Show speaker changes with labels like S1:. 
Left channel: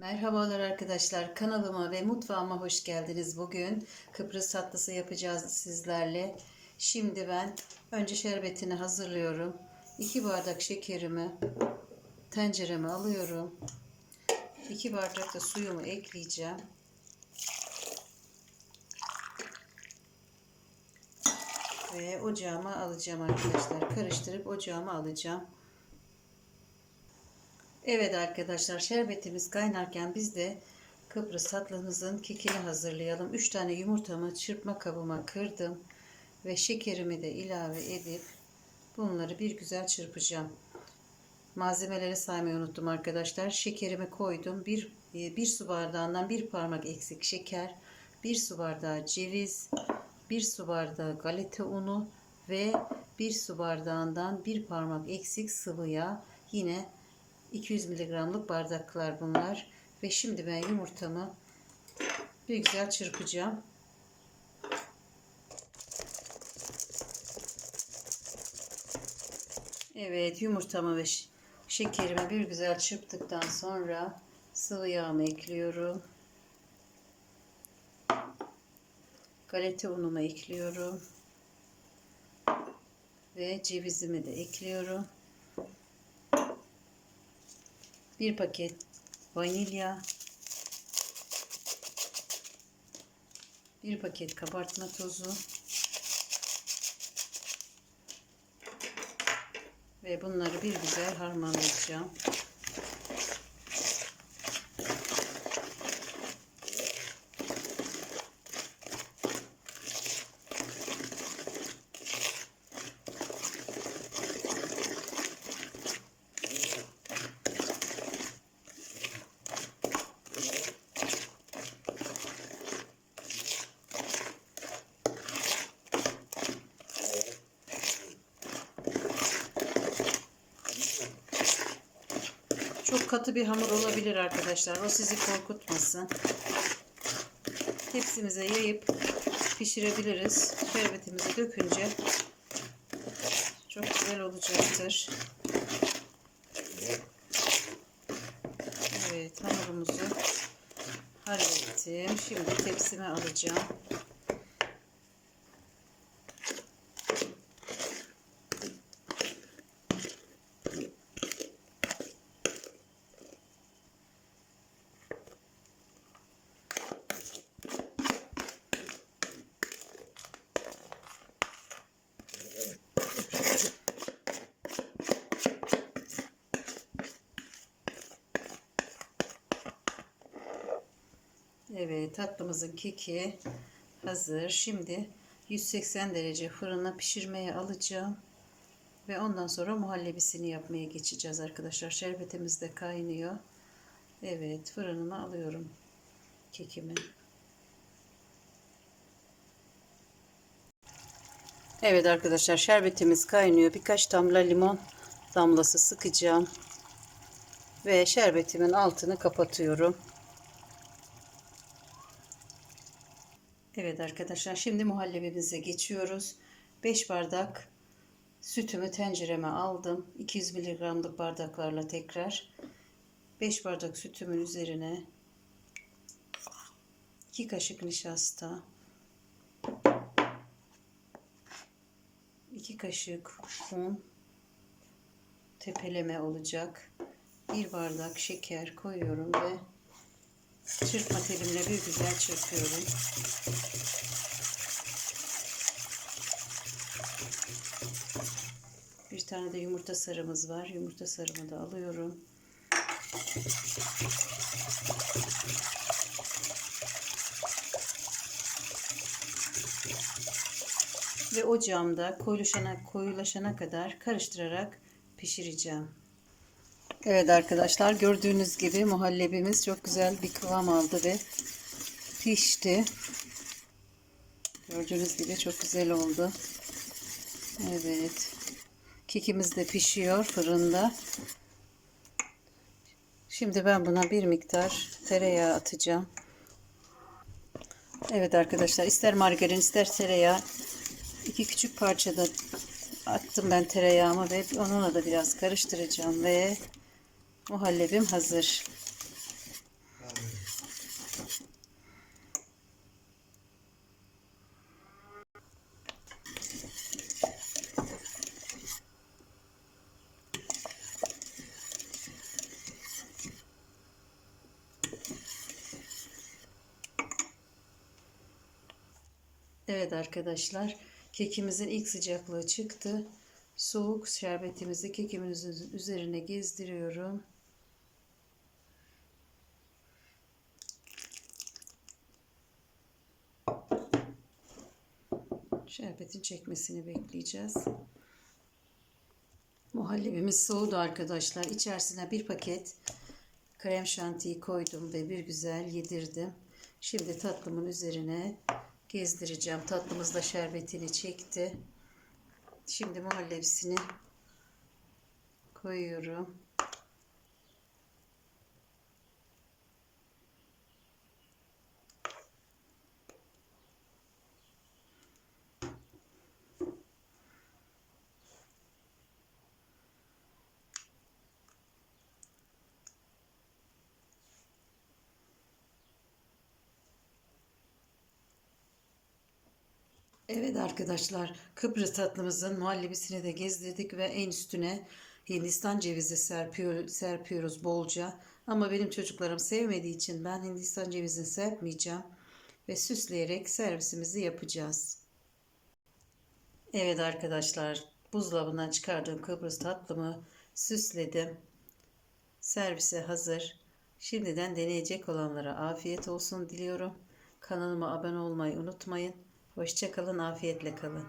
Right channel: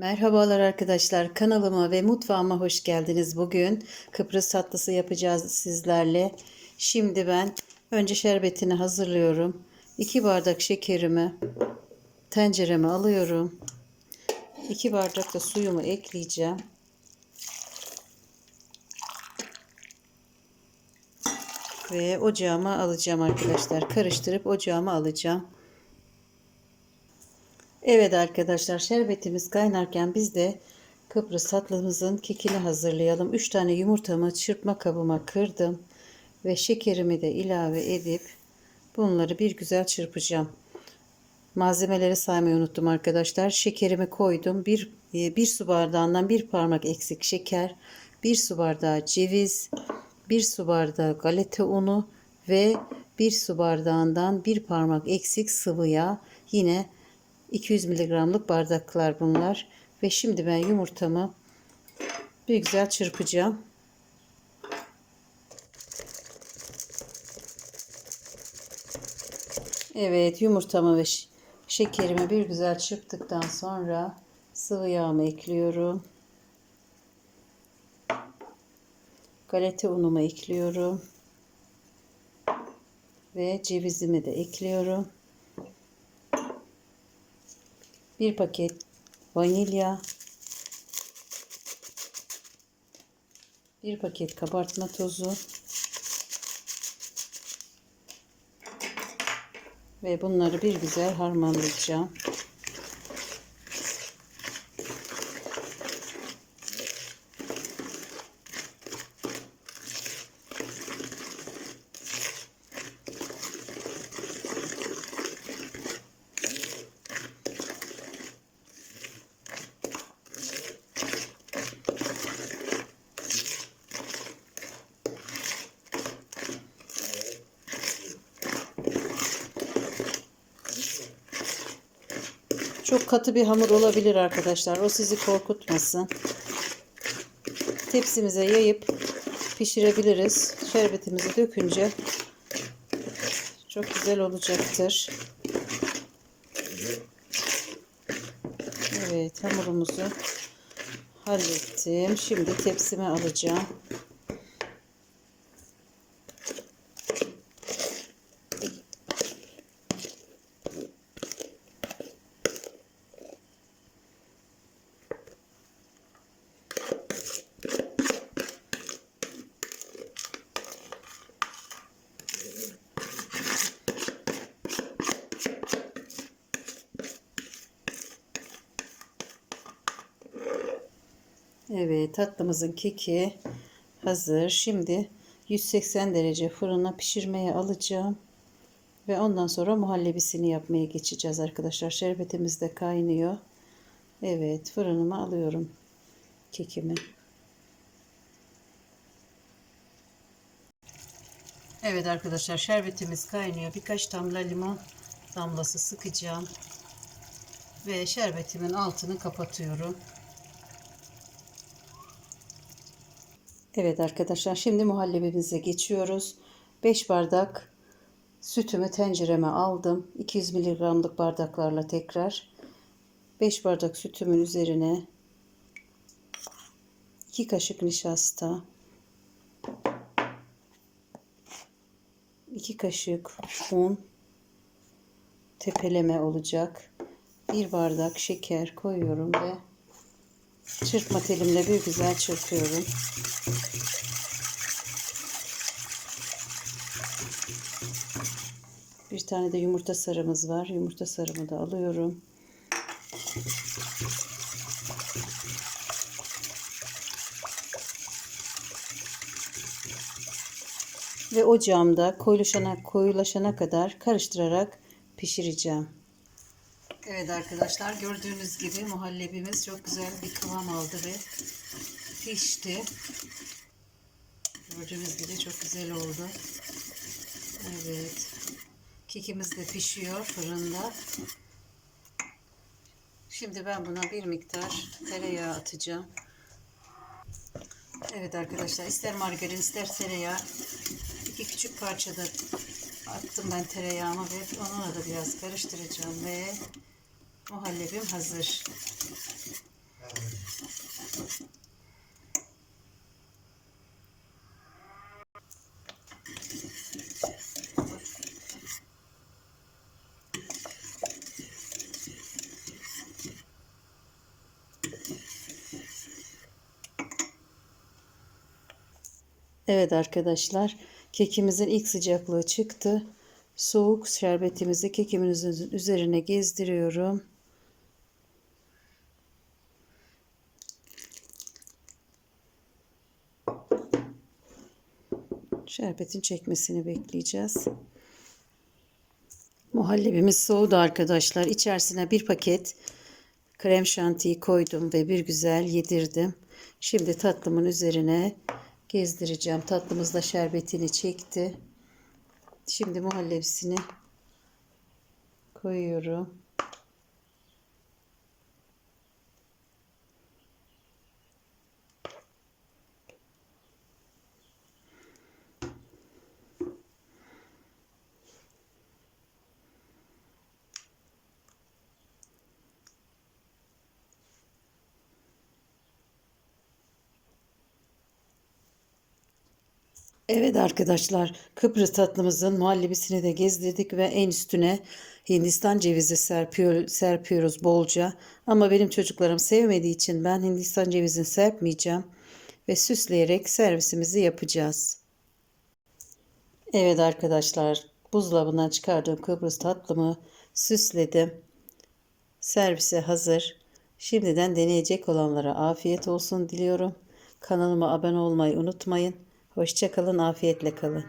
S1: Merhabalar arkadaşlar kanalıma ve mutfağıma hoş geldiniz. Bugün Kıbrıs tatlısı yapacağız sizlerle. Şimdi ben önce şerbetini hazırlıyorum. 2 bardak şekerimi tencereme alıyorum. 2 bardak da suyumu ekleyeceğim. Ve ocağıma alacağım arkadaşlar. Karıştırıp ocağıma alacağım. Evet arkadaşlar şerbetimiz kaynarken biz de Kıbrıs tatlımızın kekini hazırlayalım. 3 tane yumurtamı çırpma kabıma kırdım ve şekerimi de ilave edip bunları bir güzel çırpacağım. Malzemeleri saymayı unuttum arkadaşlar. Şekerimi koydum. Bir, e, bir su bardağından bir parmak eksik şeker, bir su bardağı ceviz, bir su bardağı galeta unu ve bir su bardağından bir parmak eksik sıvı yağ. Yine 200 miligramlık bardaklar bunlar. Ve şimdi ben yumurtamı bir güzel çırpacağım. Evet yumurtamı ve şekerimi bir güzel çırptıktan sonra sıvı yağımı ekliyorum. Galeta unumu ekliyorum. Ve cevizimi de ekliyorum. Bir paket vanilya. Bir paket kabartma tozu. Ve bunları bir güzel harmanlayacağım. Çok katı bir hamur olabilir arkadaşlar. O sizi korkutmasın. Tepsimize yayıp pişirebiliriz. Şerbetimizi dökünce çok güzel olacaktır. Evet hamurumuzu hallettim. Şimdi tepsime alacağım. Evet tatlımızın keki hazır. Şimdi 180 derece fırına pişirmeye alacağım. Ve ondan sonra muhallebisini yapmaya geçeceğiz arkadaşlar. Şerbetimiz de kaynıyor. Evet fırınıma alıyorum kekimi. Evet arkadaşlar şerbetimiz kaynıyor. Birkaç damla limon damlası sıkacağım. Ve şerbetimin altını kapatıyorum. Evet arkadaşlar şimdi muhallebimize geçiyoruz. 5 bardak sütümü tencereme aldım. 200 miligramlık bardaklarla tekrar 5 bardak sütümün üzerine 2 kaşık nişasta 2 kaşık un tepeleme olacak. 1 bardak şeker koyuyorum ve çırpma telimle bir güzel çırpıyorum. Bir tane de yumurta sarımız var. Yumurta sarımı da alıyorum. Ve ocağımda koyulaşana, koyulaşana kadar karıştırarak pişireceğim. Evet arkadaşlar gördüğünüz gibi muhallebimiz çok güzel bir kıvam aldı ve pişti. Gördüğünüz gibi çok güzel oldu. Evet. Kekimiz de pişiyor fırında. Şimdi ben buna bir miktar tereyağı atacağım. Evet arkadaşlar ister margarin ister tereyağı iki küçük parçada attım ben tereyağımı ve onunla da biraz karıştıracağım ve Muhallebim hazır. Evet arkadaşlar kekimizin ilk sıcaklığı çıktı. Soğuk şerbetimizi kekimizin üzerine gezdiriyorum. Şerbetin çekmesini bekleyeceğiz. Muhallebimiz soğudu arkadaşlar. İçerisine bir paket krem şantiyi koydum ve bir güzel yedirdim. Şimdi tatlımın üzerine gezdireceğim. Tatlımız da şerbetini çekti. Şimdi muhallebisini koyuyorum. Evet arkadaşlar Kıbrıs tatlımızın muhallebisini de gezdirdik ve en üstüne Hindistan cevizi serpiyor, serpiyoruz bolca. Ama benim çocuklarım sevmediği için ben Hindistan cevizini serpmeyeceğim ve süsleyerek servisimizi yapacağız. Evet arkadaşlar buzdolabından çıkardığım Kıbrıs tatlımı süsledim. Servise hazır. Şimdiden deneyecek olanlara afiyet olsun diliyorum. Kanalıma abone olmayı unutmayın. Hoşçakalın, afiyetle kalın.